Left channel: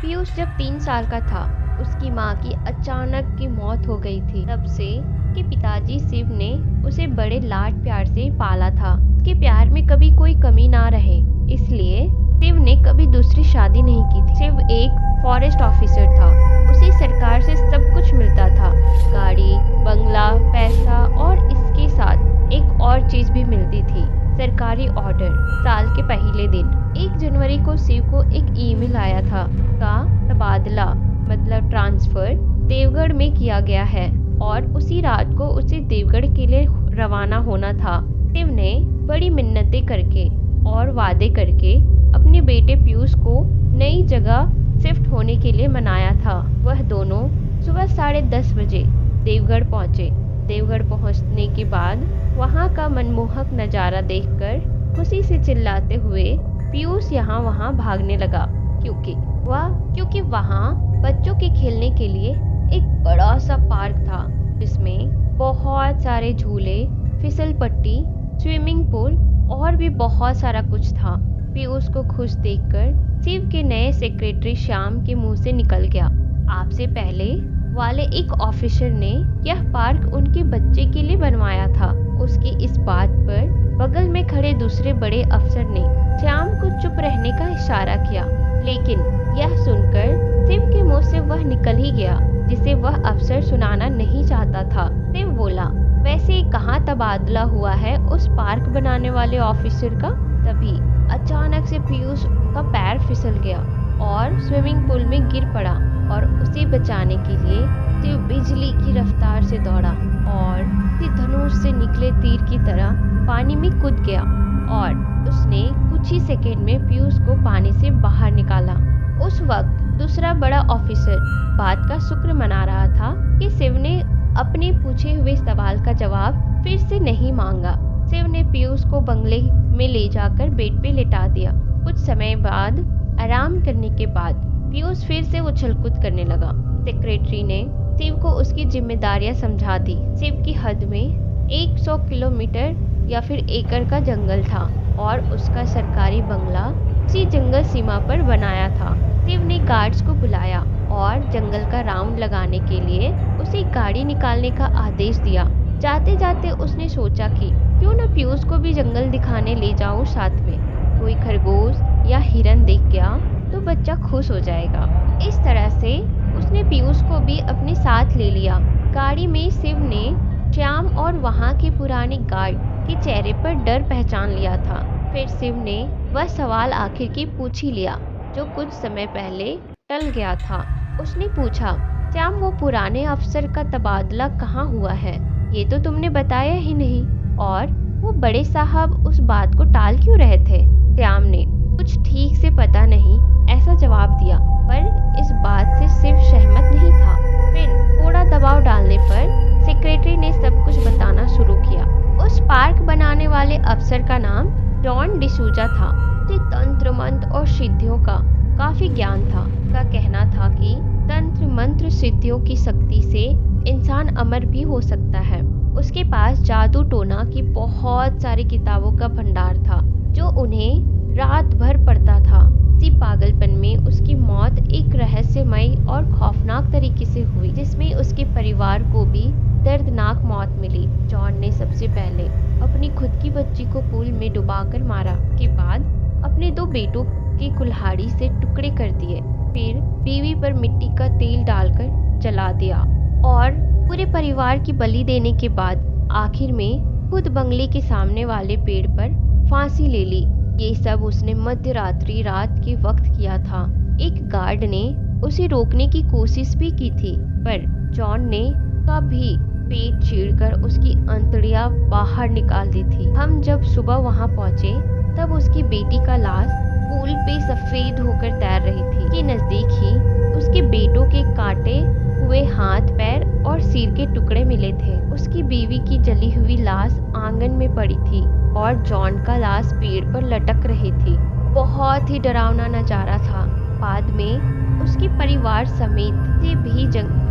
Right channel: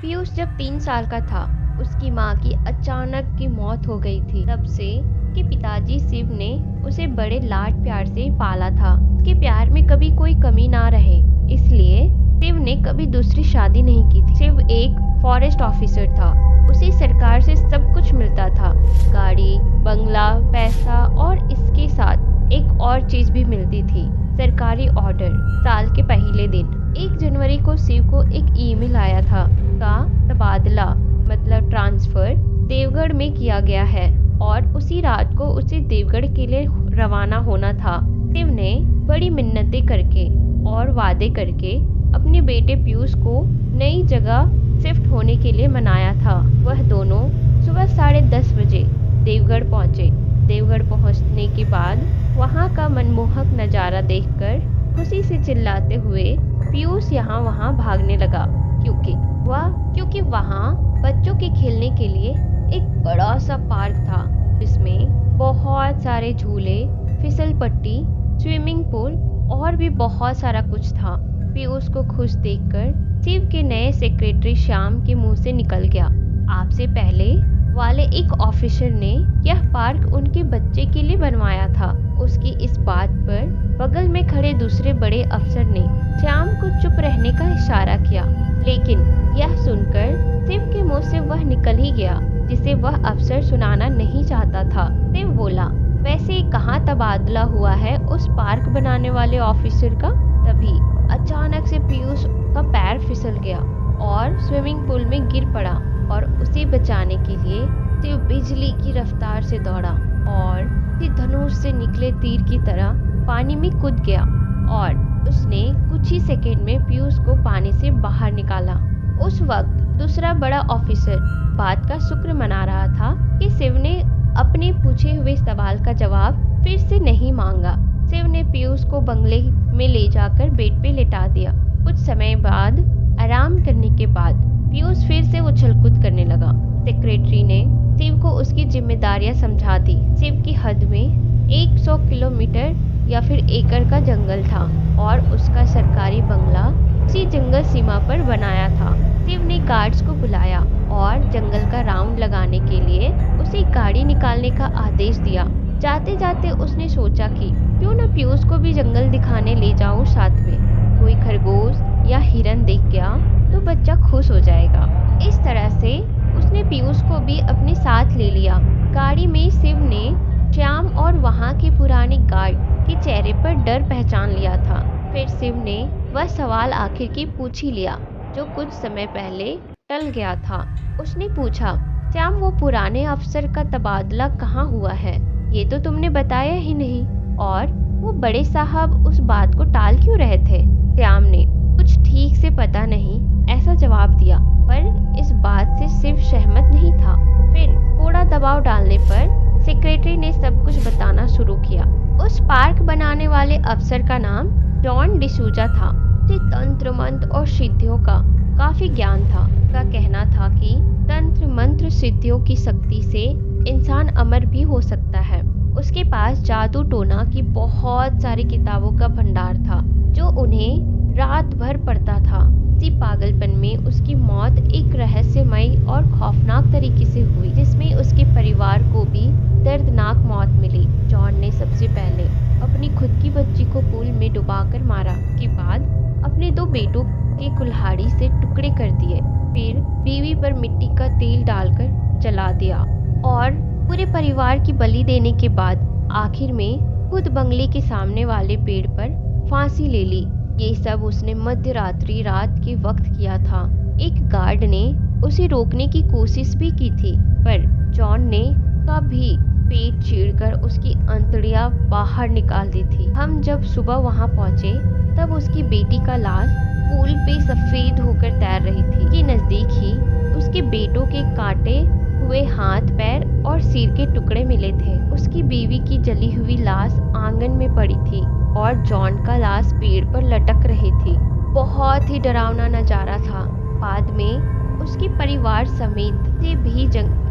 पीयूष जब 3 साल का था, उसकी माँ की अचानक की मौत हो गई थी। तब से उसके पिताजी शिव ने उसे बड़े लाड प्यार से पाला था। उसके प्यार में कभी कोई कमी ना रहे, इसलिए शिव ने कभी दूसरी शादी नहीं की थी। शिव एक फॉरेस्ट ऑफिसर था। उसे सरकार से सब कुछ मिलता था, गाड़ी, बंगला, पैसा, और इसके साथ एक और चीज भी मिलती थी, सरकारी ऑर्डर। साल के पहले दिन 1 जनवरी को शिव को एक ईमेल आया था का तबादला मतलब ट्रांसफर देवगढ़ में किया गया है और उसी रात को उसे देवगढ़ के लिए रवाना होना था। शिव ने बड़ी मिन्नतें करके और वादे करके अपने बेटे पीयूष को नई जगह शिफ्ट होने के लिए मनाया था। वह दोनों सुबह 10:30 बजे देवगढ़ पहुंचे। देवगढ़ पहुंचने के बाद वहां का मनमोहक नजारा देखकर खुशी से चिल्लाते हुए पीयूष यहाँ वहाँ भागने लगा, क्योंकि वहाँ बच्चों के खेलने के लिए एक बड़ा सा पार्क था, जिसमें बहुत सारे झूले, फिसल पट्टी, स्विमिंग पूल और भी बहुत सारा कुछ था। पीयूष को खुश देखकर शिव के नए सेक्रेटरी श्याम के मुंह से निकल गया, आपसे पहले वाले एक ऑफिसर ने यह पार्क उनके बच्चे के लिए बनवाया था। उसकी इस बात पर बगल में खड़े दूसरे बड़े अफसर ने श्याम को चुप रहने का इशारा किया, लेकिन यह सुनकर शिव के मुंह से वह निकल ही गया जिसे वह अफसर सुनाना नहीं चाहता था। शिव बोला, वैसे कहाँ तबादला हुआ है उस पार्क बनाने वाले ऑफिसर का? तभी अचानक से पीयूष का पैर फिसल गया और स्विमिंग पूल में गिर पड़ा और उसे बचाने के लिए शिव बिजली की रफ्तार से दौड़ा और धनुष से निकले तीर की तरह पानी में कूद गया और उसने कुछ ही सेकंड में पीयूष को पानी से बाहर निकाला। उस वक्त दूसरा बड़ा ऑफिसर बात का शुक्र मना रहा था कि शिव ने अपने पूछे हुए सवाल का जवाब फिर से नहीं मांगा। शिव ने पीयूष को बंगले में ले जाकर बेड पे लिटा दिया। कुछ समय बाद आराम करने के बाद पीयूष फिर से उछल-कूद करने लगा। सेक्रेटरी ने शिव को उसकी जिम्मेदारियां समझा दी। शिव की हद में 100 किलोमीटर या फिर एकड़ का जंगल था और उसका सरकारी बंगला उसी जंगल सीमा पर बनाया था। शिव ने गार्ड्स को बुलाया और जंगल का राउंड लगाने के लिए उसे गाड़ी निकालने का आदेश दिया। जाते जाते उसने सोचा कि क्यों न पीयूष को भी जंगल दिखाने ले जाऊं साथ में। कोई खरगोश या हिरन दिख गया तो बच्चा खुश हो जाएगा। इस तरह से उसने पीयूष को भी अपने साथ ले लिया। गाड़ी में शिव ने श्याम और वहाँ के पुराने गार्ड के चेहरे पर डर पहचान लिया था। फिर शिव ने वह सवाल आखिर की पूछ ही लिया जो कुछ समय पहले टल गया था। उसने पूछा, श्याम, वो पुराने अफसर का तबादला कहाँ हुआ है? ये तो तुमने बताया ही नहीं। और वो बड़े साहब उस बात को टाल क्यों रहे थे? श्याम ने कुछ ठीक से पता नहीं ऐसा जवाब दिया, पर इस बात से शिव सहमत नहीं था। फिर थोड़ा दबाव डालने पर सेक्रेटरी ने सब कुछ बताना शुरू किया। उस पार्क बनाने वाले अफसर का नाम जॉन डिसूजा था। उसे तंत्र मंत्र और सिद्धियों का काफी ज्ञान था। उसका कहना था कि तंत्र मंत्र सिद्धियों की शक्ति से इंसान अमर भी हो सकता है। उसके पास जादू टोना की बहुत सारी किताबों का भंडार था जो उन्हें रात भर पढ़ता था। इसी पागलपन में उसकी मौत एक रहस्यमयी और खौफनाक तरीके से हुई, जिसमें उसके परिवार को भी दर्दनाक मौत मिली। जॉन ने सबसे पहले अपनी खुद की बच्ची को पूल में डुबाकर मारा, के बाद अपने 2 बेटों के कुल्हाड़ी से टुकड़े कर दिए, फिर बीवी पर मिट्टी का तेल डालकर जला दिया और पूरे परिवार की बलि देने के बाद आखिर में खुद बंगले के सामने वाले पेड़ पर फांसी ले ली। ये सब उसने मध्य रात के वक्त किया था। एक गार्ड ने उसे रोकने की कोशिश भी की थी, पर जॉन ने कभी पेट चीरकर उसकी अंतड़ियां बाहर निकाल दी थी। हम जब सुबह वहां पहुंचे तब उसकी बेटी का लाश पूल पे सफेद होकर तैर रही थी। के नजदीक ही उसके बेटों के काटे हुए हाथ, पैर और सिर के टुकड़े मिले थे। उसकी बीवी की जली हुई लाश आंगन में पड़ी थी और जॉन का लाश पेड़ पर लटक रही थी। बहुत ही डरावना नजारा था। बाद में उसके परिवार समेत से भी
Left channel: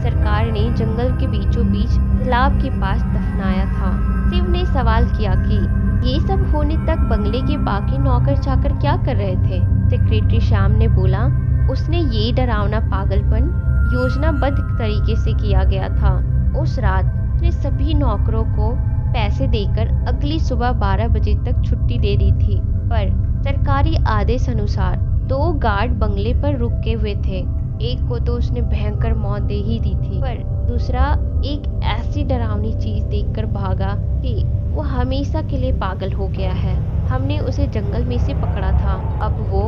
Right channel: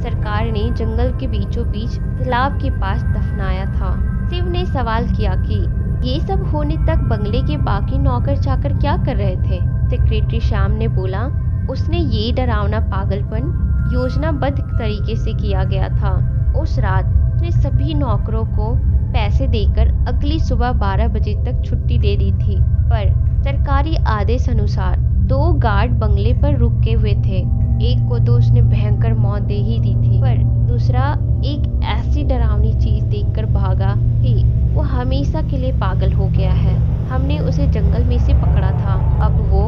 सरकार ने जंगल के बीचों बीच तालाब के पास दफनाया था। शिव ने सवाल किया कि ये सब होने तक बंगले के बाकी नौकर चाकर क्या कर रहे थे? सेक्रेटरी श्याम ने बोला, उसने ये डरावना पागलपन योजनाबद्ध तरीके से किया गया था। उस रात उसने सभी नौकरों को पैसे देकर अगली सुबह 12 बजे तक छुट्टी दे दी थी, पर सरकारी आदेश अनुसार 2 गार्ड बंगले पर रुके हुए थे। एक को तो उसने भयंकर मौत दे ही दी थी, पर दूसरा एक ऐसी डरावनी चीज देखकर भागा कि वो हमेशा के लिए पागल हो गया है। हमने उसे जंगल में से पकड़ा था, अब वो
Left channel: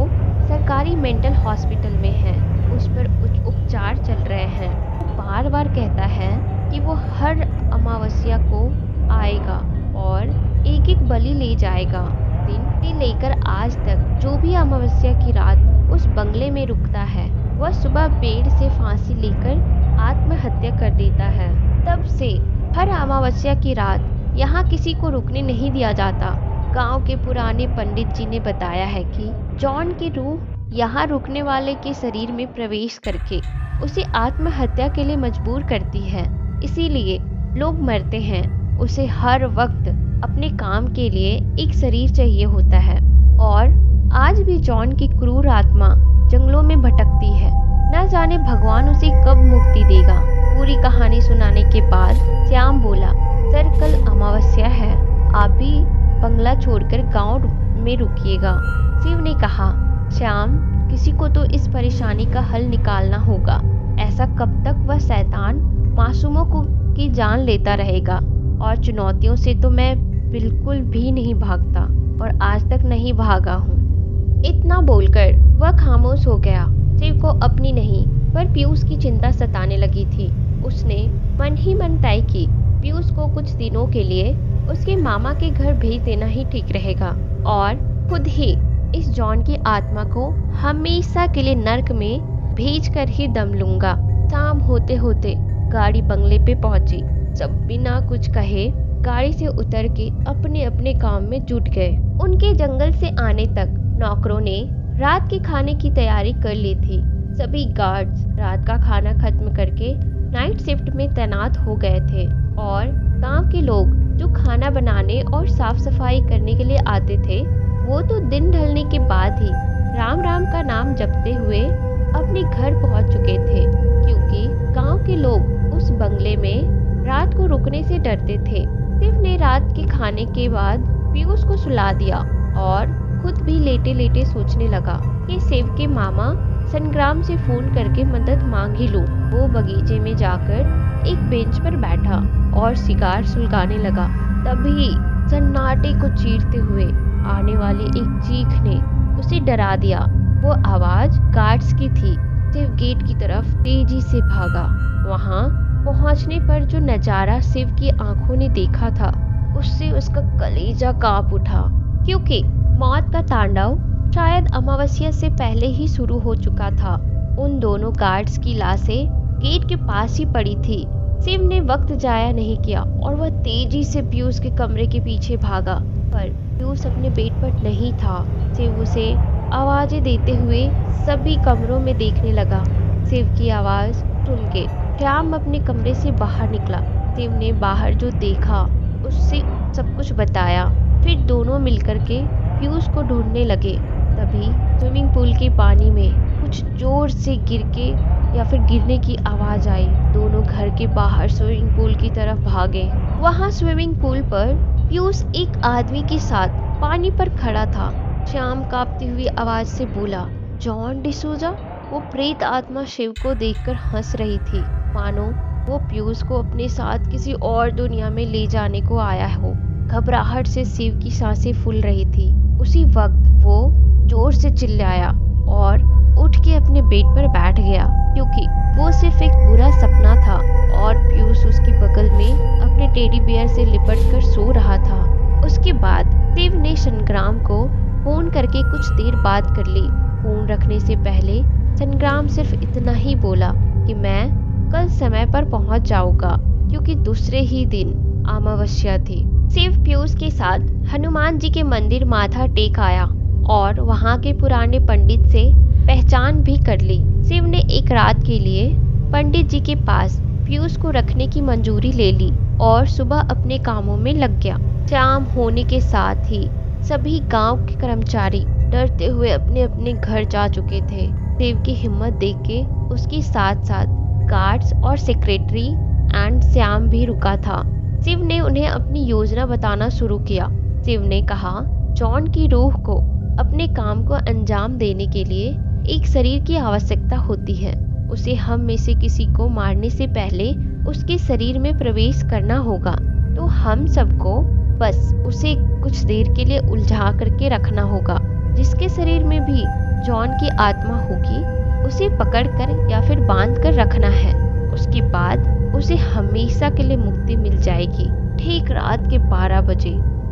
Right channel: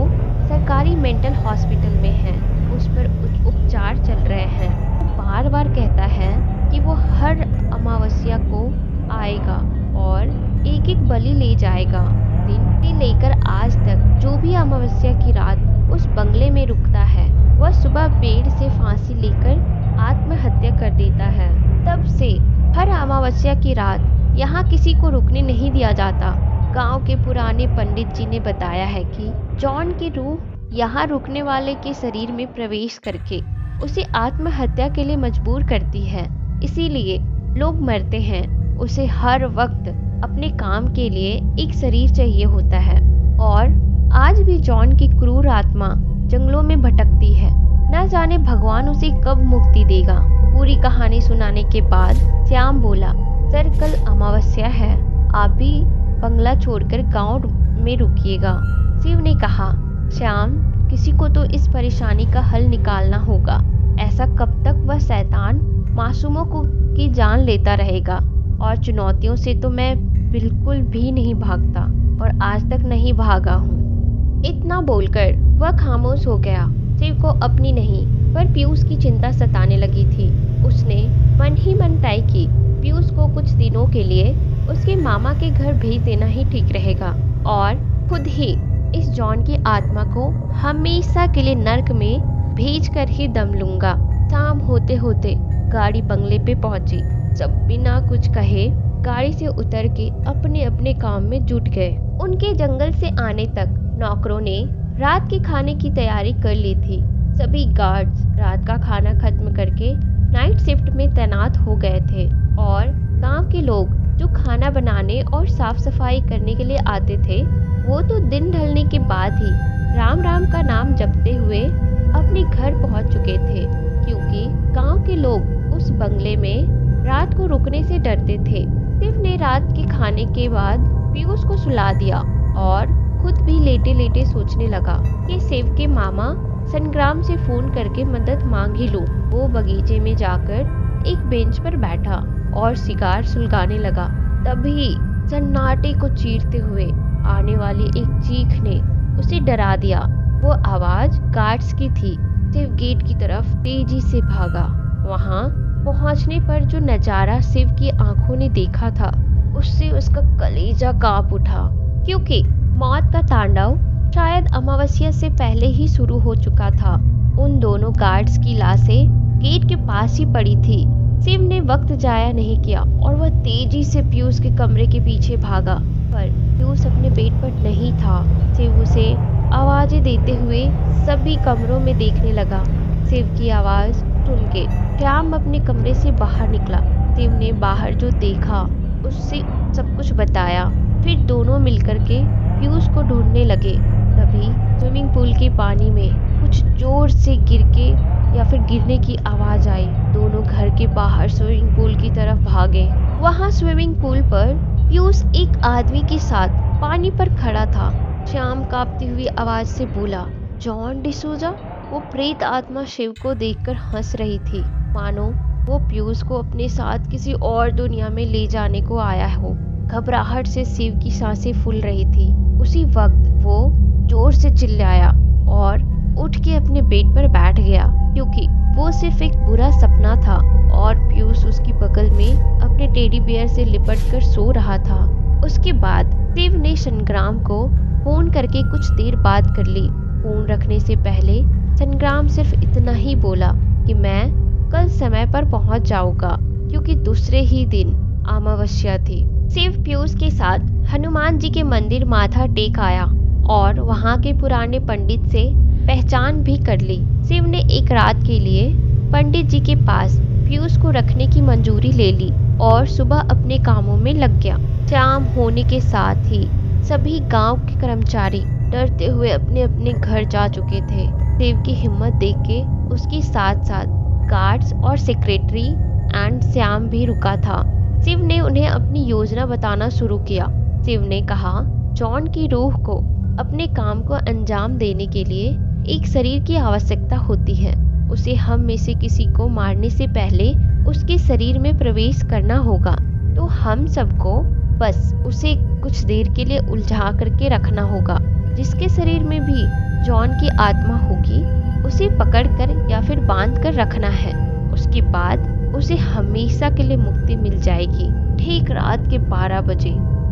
सरकारी मेंटल हॉस्पिटल में है, उस पर उपचार चल रहे हैं। वो बार बार कहता है कि वो हर अमावस्या को आएगा और एक एक बलि ले जाएगा। दिन से लेकर आज तक जो भी अमावस्या की रात उस बंगले में रुकता है, वह सुबह पेड़ से फांसी लेकर आत्महत्या कर देता है। तब से हर अमावस्या की रात यहाँ किसी को रुकने नहीं दिया जाता। गांव के पुराने पंडित जी ने बताया है कि जॉन की रूह यहाँ रुकने वाले के शरीर में प्रवेश करके उसे आत्महत्या के लिए मजबूर करती है, इसीलिए लोग मरते हैं। उसे हर वक्त अपने काम के लिए एक शरीर चाहिए होता है और आज भी जॉन की क्रूर आत्मा जंगलों में भटकती है। न जाने भगवान उसे कब मुक्ति देगा। पूरी कहानी सुनाने के बाद श्याम बोला, सर कल अमावस्या है, आप भी बंगला छोड़कर गांव में रुकिएगा। शिव ने कहा, श्याम किसी को तो इस परेशानी का हल निकालना होगा। ऐसा कब तक वह शैतान मासूमों की जान लेता रहेगा। और चुनौतियों से तो मैं बिल्कुल भी नहीं भागता और आज तक नहीं भागा हूँ। इतना बोलकर वह खामोश हो गया। शिव को अपनी नहीं पर पीयूष की चिंता सताने लगी थी। उसने मन ही मन तय की पीयूष को कुछ दिनों के लिए उसके मामा के घर भेज देना ही ठीक रहेगा और खुद ही इस जॉन की आत्मा को हमेशा के लिए नर्क में भेज कर ही दम लूंगा। शाम होते होते गाड़ी बंगले पे पहुंची। सब बिना कुछ कहे गाड़ी से उतर के अपने अपने काम में जुट गए। उनके जंगल से आने तक नौकरों ने रात के खाने की तैयारी कर ली थी। सभी गार्ड्स रात का खाना खत्म करके नाइट शिफ्ट में तैनात हो गए थे और गांव के लोग जो खाना बनाने और साफ सफाई करने के लिए आते थे, वो तो दिन ढलने के बाद ही राम राम का नाम जपते हुए अपने घर पहुंच चुके थे, क्योंकि गांव के लोग उस बंगले में रात को रुकने से डरते थे। शिव ने रात के खाने के बाद पीयूष को सुला दिया और खुद भी लेटे लेटे सोचने लगा कि शिव के मामा संग्राम से फोन करके मदद मांग ही लूं। वो बगीचे में जाकर एक बेंच पर बैठा और सिगार सुलगाने लगा। तभी सन्नाटे को चीरते हुए आने वाली एक चीख ने उसे डरा दिया। वो आवाज गार्ड्स की थी। शिव गेट की तरफ तेजी से भागा। वहाँ पहुंचने पर जो नजारा शिव की आंखों ने देखा था, उससे उसका कलेजा कांप उठा, क्योंकि मौत का तांडव शायद अमावस्या से पहले ही शुरू हो चुका था। उन दोनों गार्ड्स की लाशें गेट के पास ही पड़ी थी। शिव ने वक्त जाया नहीं किया और वह तेजी से पीयूष के कमरे के पीछे भागा, पर पीयूष अपने बेड पर नहीं था। शिव उसे आवाजें देते हुए सभी कमरों में देखने लगा। शिव की आवाज सुन के श्याम अपने कमरे से बाहर निकला। शिव ने बाहर जो देखा उससे सब कुछ बताया। फिर दोनों मिलकर के पीयूष को ढूंढने लगे। तभी स्विमिंग पूल के पानी में कुछ जोर से गिर के या फिर गिरने की आवाज आई। दोनों घर के बाहर स्विमिंग पूल की तरफ भागे। वहाँ स्विमिंग पूल पर पीयूष एक आदमी के साथ पानी पर खड़ा था। श्याम कांपती हुई आवाज से बोला, जॉन डिसूजा। वो प्रेत आत्मा शिव को देखकर हंस रही थी, मानो वो पीयूष को अपने साथ किसी और दुनिया में ले जाने को आया हो। घबराहट से शिव की सांसें फूल रही थी। उसी वक्त वो जोर से चिल्लाया और उठ के अपने बेड पर बैठ गया, क्योंकि वो सिर्फ एक बुरा सपना था और पीयूष उसकी बगल में अपने टेडी बियर से लिपट कर सो रहा था। उसके बाद शिव ने संग्राम को फोन करके कुछ देर बात कर ली। फोन रखने से पहले संग्राम सिर्फ इतना ही बोला कि मैं कल समय पर पहुंच जाऊंगा, क्योंकि दूसरे ही दिन अमावस्या थी। शिव पीयूष के साथ हनुमान जी के मंदिर माथा टेक आया और वहां के पुराने पंडित से पहचान भी कर ली। शिव ने एक रात के लिए पंडित जी के पास पीयूष को रखने की मंजूरी ले ली और सुबह अपने कामों में लग गया। शाम होने के साथ ही सभी गांव के कर्मचारी डरते हुए अपने अपने घर जा चुके थे। शिव की हिम्मत देख के उसके साथ साथ गार्ड्स और सेक्रेटरी एंड श्याम भी रुका था। शिव ने उन्हें अपनी योजना बताना शुरू किया। शिव ने कहा, जॉन की रूह को अपने काम को अंजाम देने के लिए एक शरीर की आवश्यकता होती है। उसे हम में से किसी को मारने से पहले उसके शरीर में प्रवेश करना होगा। तो हम सबको बस उसे कुछ देर के लिए उलझा करके रखना होगा। जिसके शरीर में भी जॉन की आत्मा होगी उसे पकड़कर या फिर बांध कर रखना है। उसके बाद उसे हमेशा के लिए मुक्ति मिल जाएगी। ठीक रात के 12 बजे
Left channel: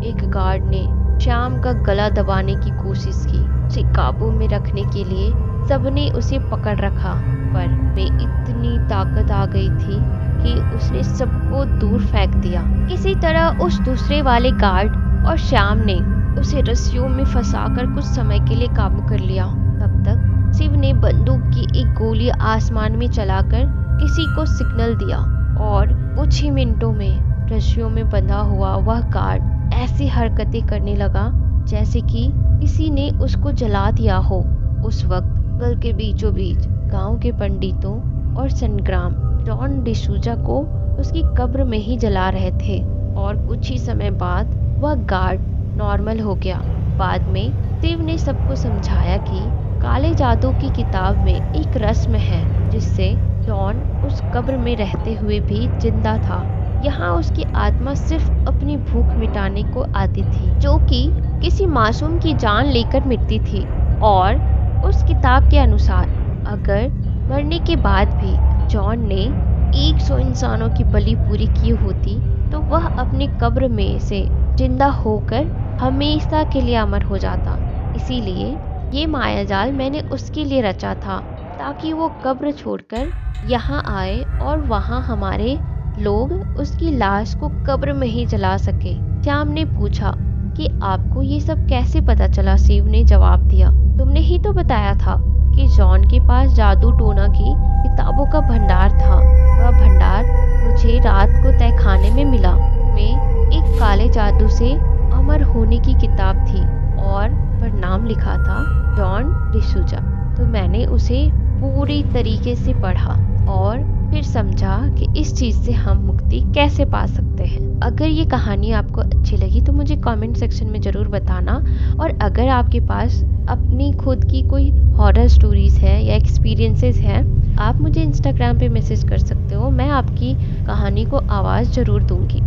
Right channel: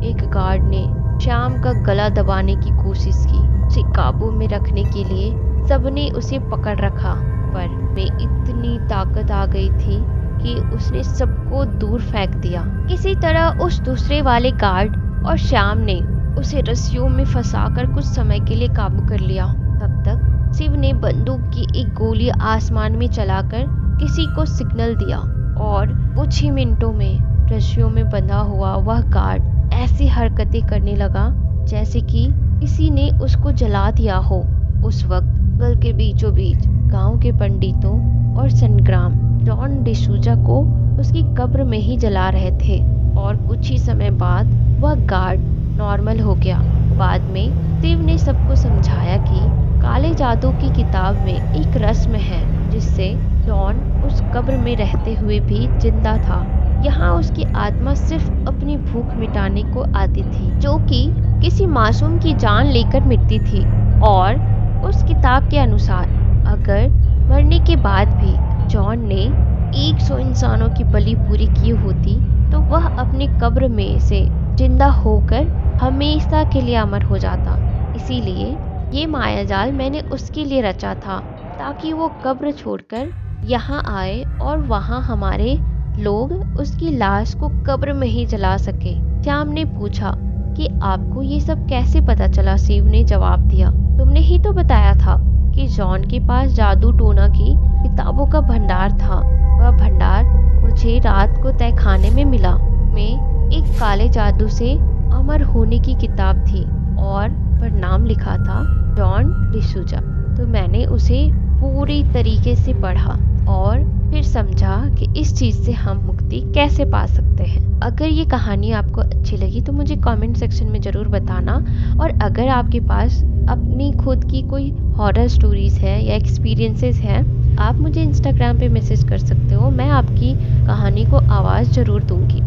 एक गार्ड ने श्याम का गला दबाने की कोशिश की। उसे काबू में रखने के लिए सबने उसे पकड़ रखा, पर में इतनी ताकत आ गई थी कि उसने सबको दूर फेंक दिया। किसी तरह उस दूसरे वाले गार्ड और श्याम ने उसे रस्सियों में फंसाकर कुछ समय के लिए काबू कर लिया। तब तक शिव ने बंदूक की एक गोली आसमान में चलाकर किसी को सिग्नल दिया और कुछ ही मिनटों में रस्सियों में बंधा हुआ वह गार्ड ऐसी हरकतें करने लगा जैसे कि किसी ने उसको जला दिया हो। उस वक्त जंगल के बीचों बीच गांव के पंडितों और संग्राम जॉन डिसूजा को उसकी कब्र में ही जला रहे थे और कुछ ही समय बाद वह गार्ड नॉर्मल हो गया। बाद में शिव ने सबको समझाया कि काले जादू की किताब में एक रस्म है जिससे जॉन उस कब्र में रहते हुए भी जिंदा था। यहाँ उसकी आत्मा सिर्फ अपनी भूख मिटाने को आती थी, जो कि किसी मासूम की जान लेकर मिटती थी। और उस किताब के अनुसार अगर मरने के बाद भी जॉन ने 100 इंसानों की बलि पूरी की होती तो वह अपनी कब्र में से जिंदा होकर हमेशा के लिए अमर हो जाता। इसीलिए ये मायाजाल मैंने उसके लिए रचा था, ताकि वो कब्र छोड़कर यहाँ आए और वहाँ हमारे लोग उसकी लाश को कब्र में ही जला सके। श्याम ने पूछा कि आपको ये सब कैसे पता चला? शिव ने जवाब दिया, तुमने ही तो बताया था कि जॉन के पास जादू टोना की किताबों का भंडार था। वह भंडार मुझे रात को तहखाने में मिला। में एक काले जादू से अमर होने की किताब थी और पर नाम लिखा था जॉन डिसूजा। तो मैंने उसे पूरी तरीके से पढ़ा और फिर समझा कि इस चीज़ से हम मुक्ति कैसे पा सकते हैं। अगर ये कहानी आपको अच्छी लगी तो मुझे कमेंट सेक्शन में ज़रूर बताना। और अगर आपके पास अपनी खुद की कोई हॉरर स्टोरीज़ है या एक्सपीरियंसेस हैं, आप मुझे इंस्टाग्राम पे मैसेज कर सकते हो। मैं आपकी कहानी को आवाज़ ज़रूर दूंगी।